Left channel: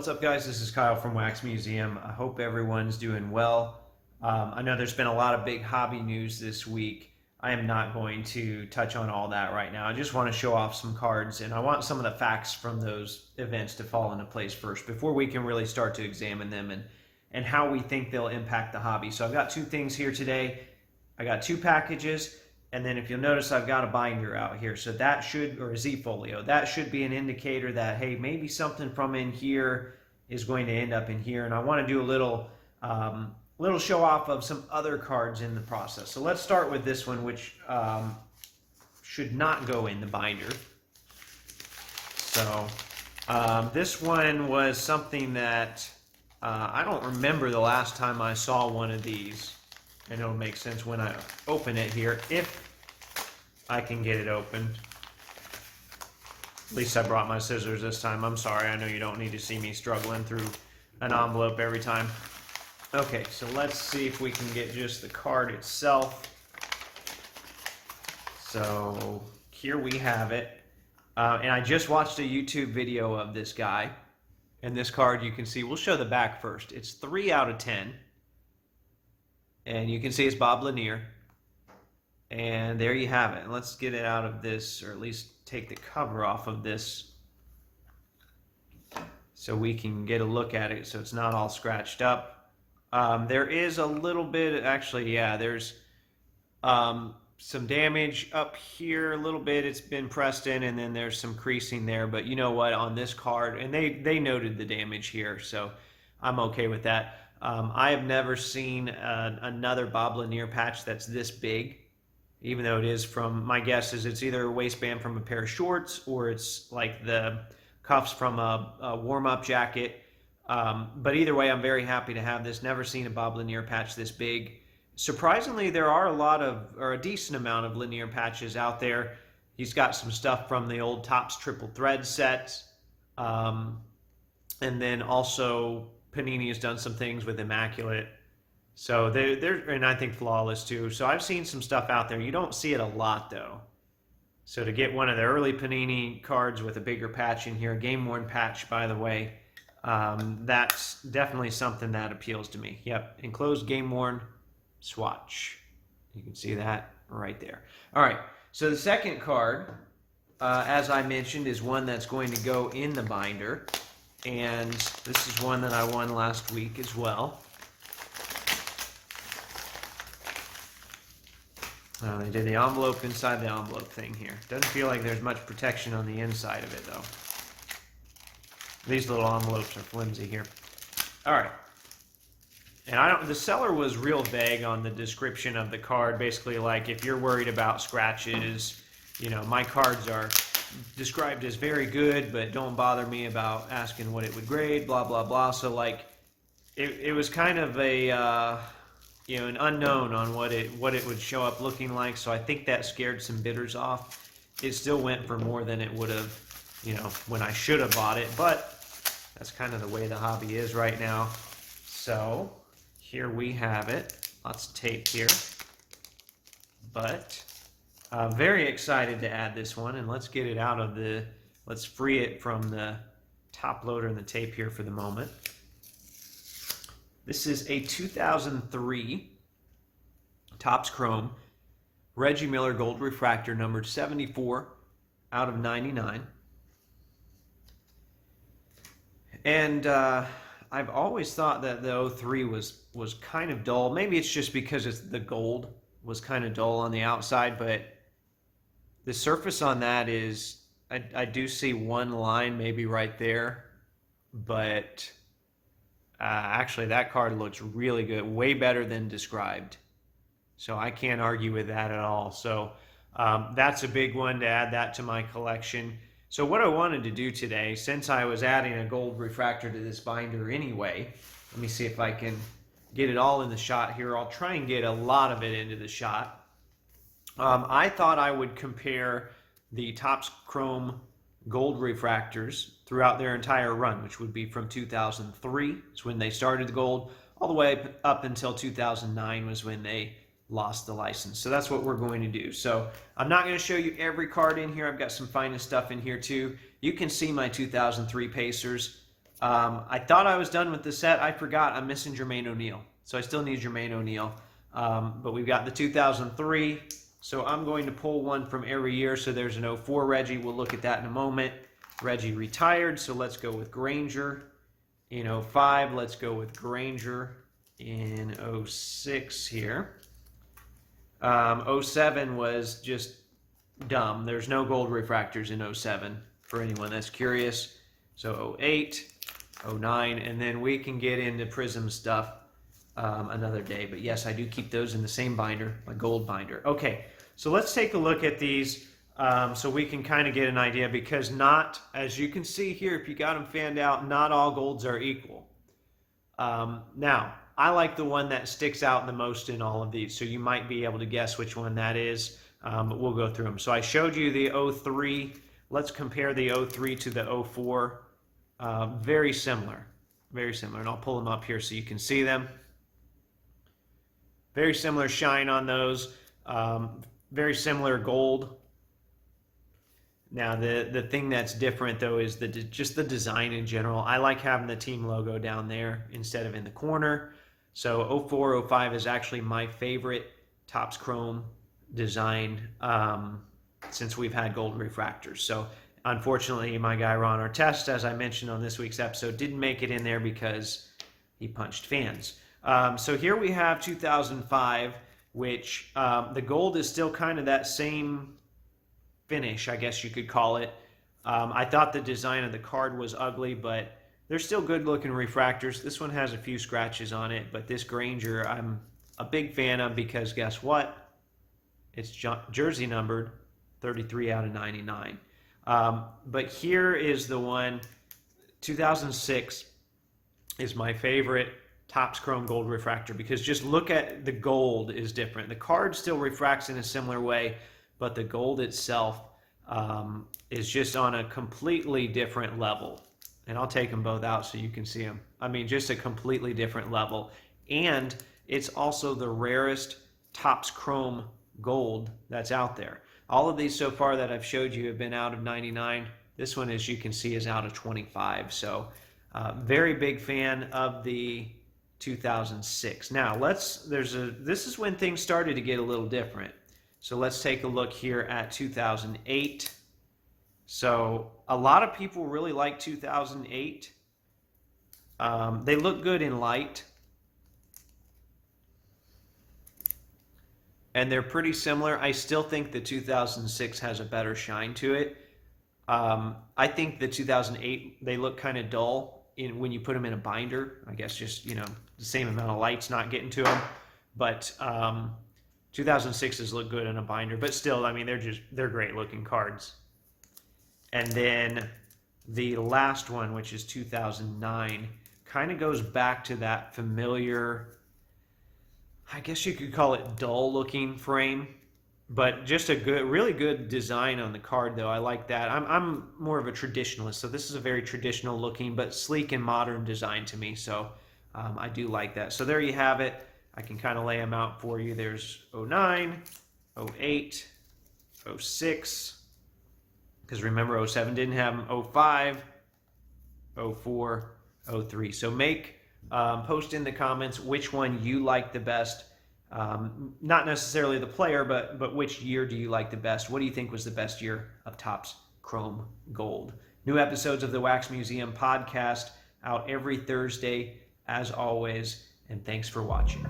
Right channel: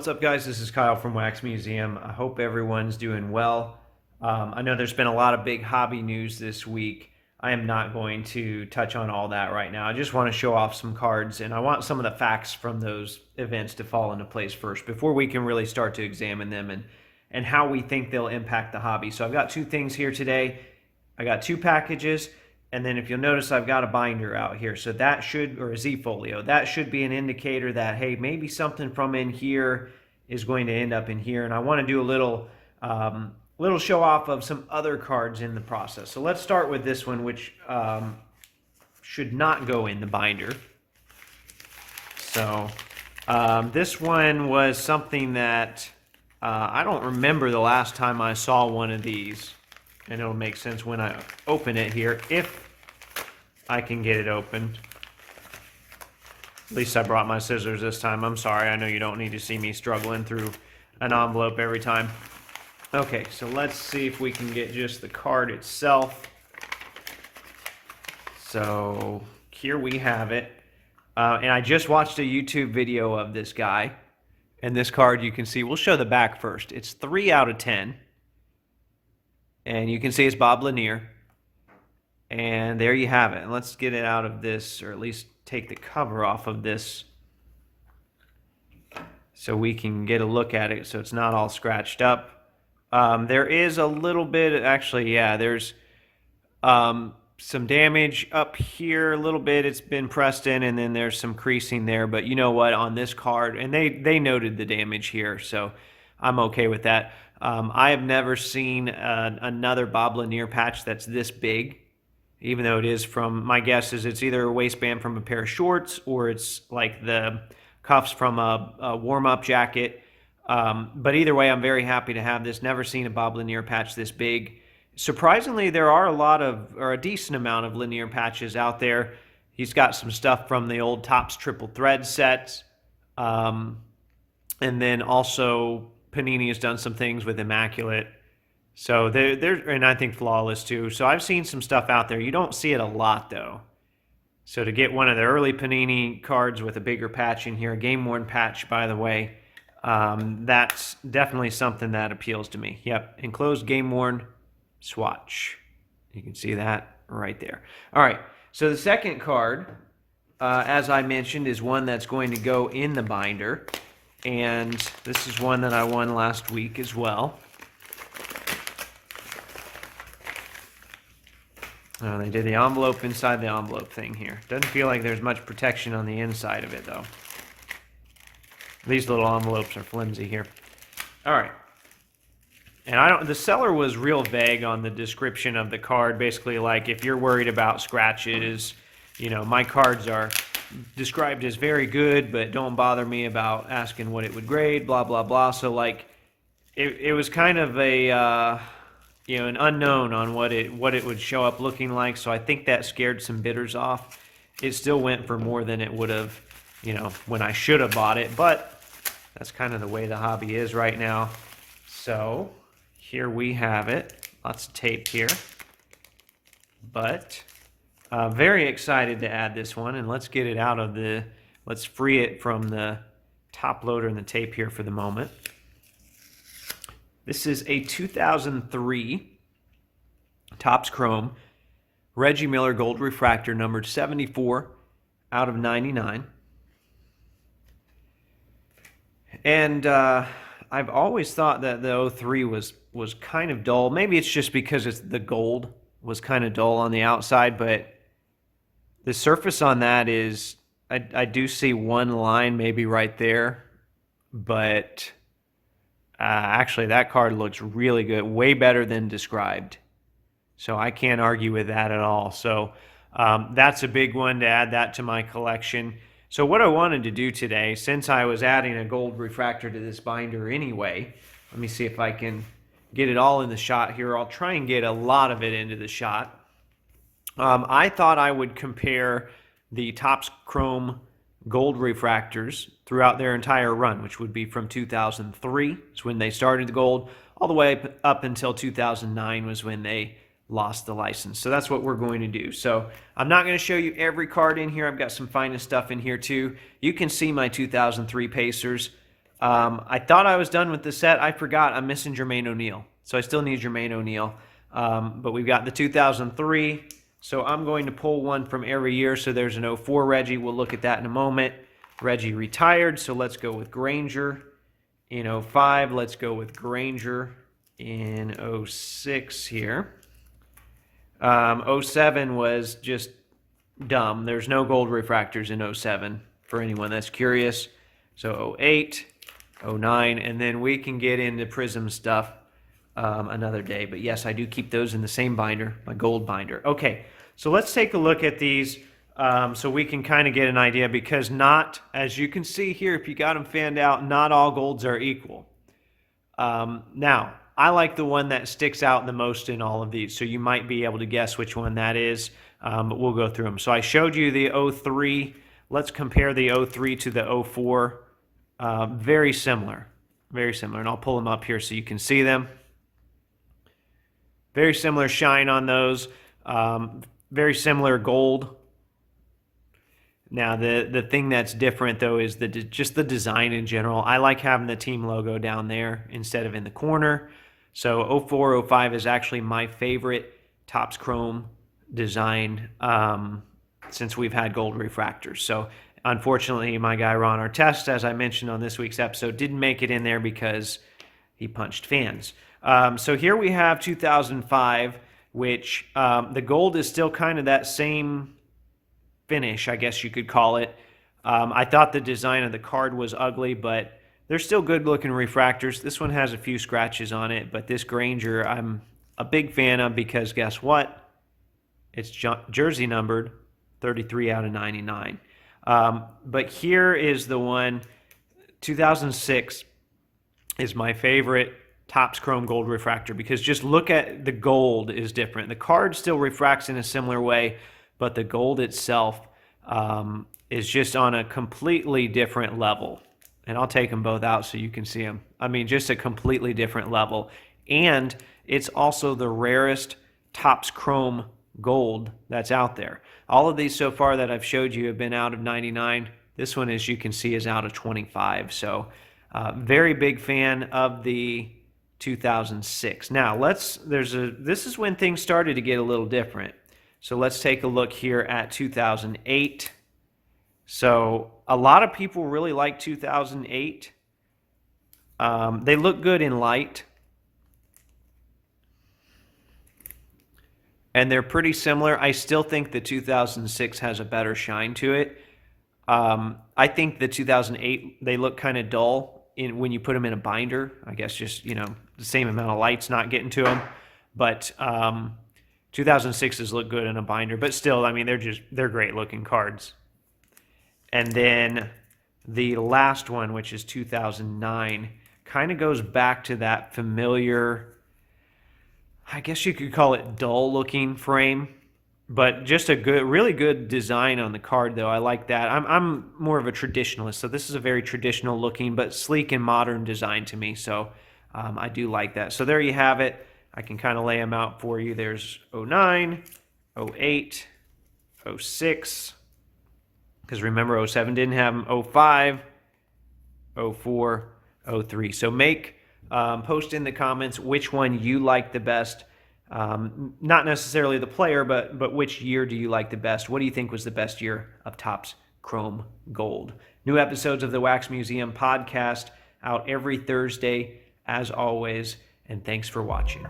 What's up, guys? This is Kyle from Wax Museum. I hope everyone's doing well. I know there's been a lot of big hobby news this week. I am not going to touch on all that right now. I just want to show off some cards, and I want some of the facts from those events to fall into place first before we can really start to examine them and how we think they'll impact the hobby. So I've got two things here today. I got two packages, and then if you'll notice, I've got a binder out here. So that should, or a Z-folio, that should be an indicator that, hey, maybe something from in here is going to end up in here. And I want to do a little show off of some other cards in the process. So let's start with this one, which should not go in the binder. So this one was something that I don't remember the last time I saw one of these. And it'll make sense when I open it here, if I can get it open. At least I brought my scissors this time. I'm sorry, I know you don't need to see me struggling through an envelope every time. Okay, so let's see if we can get just the card itself. So here we have it. And I just watched a YouTube video of this guy. And this card, you can see, we'll show the back first. It's 3 out of 10. And you can see it's Bob Lanier. And there you have it. And let's get it out of this, or at least take the cover off of this so we can get a look at it so it's not all scratched up. There is a little bit, actually, yeah, there's some damage up here a little bit. It's been pressed in, and then there's some creasing there. But you know what, on this card, and they noted the damage here, so I'm okay with that. I have never seen another Bob Lanier patch that's this big, even though it is from, my guess is it's either a waistband from a pair of shorts or it's like the cuffs from a warm-up jacket. But either way, I'm very happy to have this. Never seen a Bob Lanier patch this big. Surprisingly, there are a decent amount of Lanier patches out there. He's got some stuff from the old Topps triple thread sets. And then also Panini has done some things with Immaculate. So and I think Flawless too. So I've seen some stuff out there. You don't see it a lot though. So to get one of the early Panini cards with a bigger patch in here, a game-worn patch, by the way, that's definitely something that appeals to me. Yep, enclosed game-worn swatch. You can see that right there. All right, so the second card, as I mentioned, is one that's going to go in the binder. And this is one that I won last week as well. They did the envelope inside the envelope thing here. Doesn't feel like there's much protection on the inside of it, though. These little envelopes are flimsy here. All right. And the seller was real vague on the description of the card. Basically, like, if you're worried about scratches, you know, my cards are described as very good, but don't bother me about asking what it would grade, blah, blah, blah. So, like, it was kind of a, you know, an unknown on what it would show up looking like. So I think that scared some bidders off. It still went for more than it would have, you know, when I should have bought it. But that's kind of the way the hobby is right now. So here we have it. Lots of tape here. But very excited to add this one, and let's get it out of let's free it from the top loader and the tape here for the moment. This is a 2003 Topps Chrome Reggie Miller Gold Refractor, numbered 74 out of 99. And I've always thought that the 03 was kind of dull. Maybe it's just because the gold was kind of dull on the outside, but the surface on that is, I do see one line maybe right there, but actually that card looks really good, way better than described. So I can't argue with that at all. So that's a big one to add that to my collection. So what I wanted to do today, since I was adding a gold refractor to this binder anyway, let me see if I can get it all in the shot here. I'll try and get a lot of it into the shot. I thought I would compare the Topps Chrome gold refractors throughout their entire run, which would be from 2003, is when they started the gold, all the way up until 2009 was when they lost the license. So that's what we're going to do. So I'm not going to show you every card in here. I've got some finest stuff in here too. You can see my 2003 Pacers. I thought I was done with the set. I forgot I'm missing Jermaine O'Neal. So I still need Jermaine O'Neal. But we've got the 2003. So I'm going to pull one from every year. So there's an '04 Reggie. We'll look at that in a moment. Reggie retired. So let's go with Granger. In '05, let's go with Granger. In '06 here. '07 was just dumb. There's no gold refractors in '07 for anyone that's curious. So '08, '09, and then we can get into Prism stuff another day. But yes, I do keep those in the same binder, my gold binder. Okay, so let's take a look at these so we can kind of get an idea, because not, as you can see here, if you got them fanned out, not all golds are equal. Now, I like the one that sticks out the most in all of these, so you might be able to guess which one that is, but we'll go through them. So I showed you the '03. Let's compare the '03 to the '04. Very similar, and I'll pull them up here so you can see them. Very similar shine on those, very similar gold. Now, the thing that's different, though, is just the design in general. I like having the team logo down there instead of in the corner. So '04, '05 is actually my favorite Topps Chrome design since we've had gold refractors. So unfortunately, my guy Ron Artest, as I mentioned on this week's episode, didn't make it in there because he punched fans. So here we have 2005, which the gold is still kind of that same finish, I guess you could call it. I thought the design of the card was ugly, but they're still good looking refractors. This one has a few scratches on it, but this Granger I'm a big fan of because guess what? It's jersey numbered 33 out of 99. But here is the one, 2006 is my favorite Topps Chrome Gold refractor, because just look at the gold is different. The card still refracts in a similar way, but the gold itself is just on a completely different level. And I'll take them both out so you can see them. I mean, just a completely different level. And it's also the rarest Topps Chrome gold that's out there. All of these so far that I've showed you have been out of 99. This one, as you can see, is out of 25. So very big fan of the 2006. Now, this is when things started to get a little different. So let's take a look here at 2008. So a lot of people really like 2008. They look good in light. And they're pretty similar. I still think the 2006 has a better shine to it. I think the 2008, they look kind of dull when you put them in a binder. I guess just, the same amount of light's not getting to them. But 2006s look good in a binder. But still, I mean, they're great looking cards. And then the last one, which is 2009, kind of goes back to that familiar, I guess you could call it dull looking frame, but just a really good design on the card, though. I like that. I'm more of a traditionalist, so this is a very traditional looking but sleek and modern design to me, so I do like that. So there you have it. I can kind of lay them out for you. There's '09, '08, '06, because remember, '07 didn't have them, '05, '04, '03. So post in the comments which one you like the best. Not necessarily the player, but which year do you like the best? What do you think was the best year of Topps Chrome Gold? New episodes of the Wax Museum podcast out every Thursday, as always, and thanks for watching.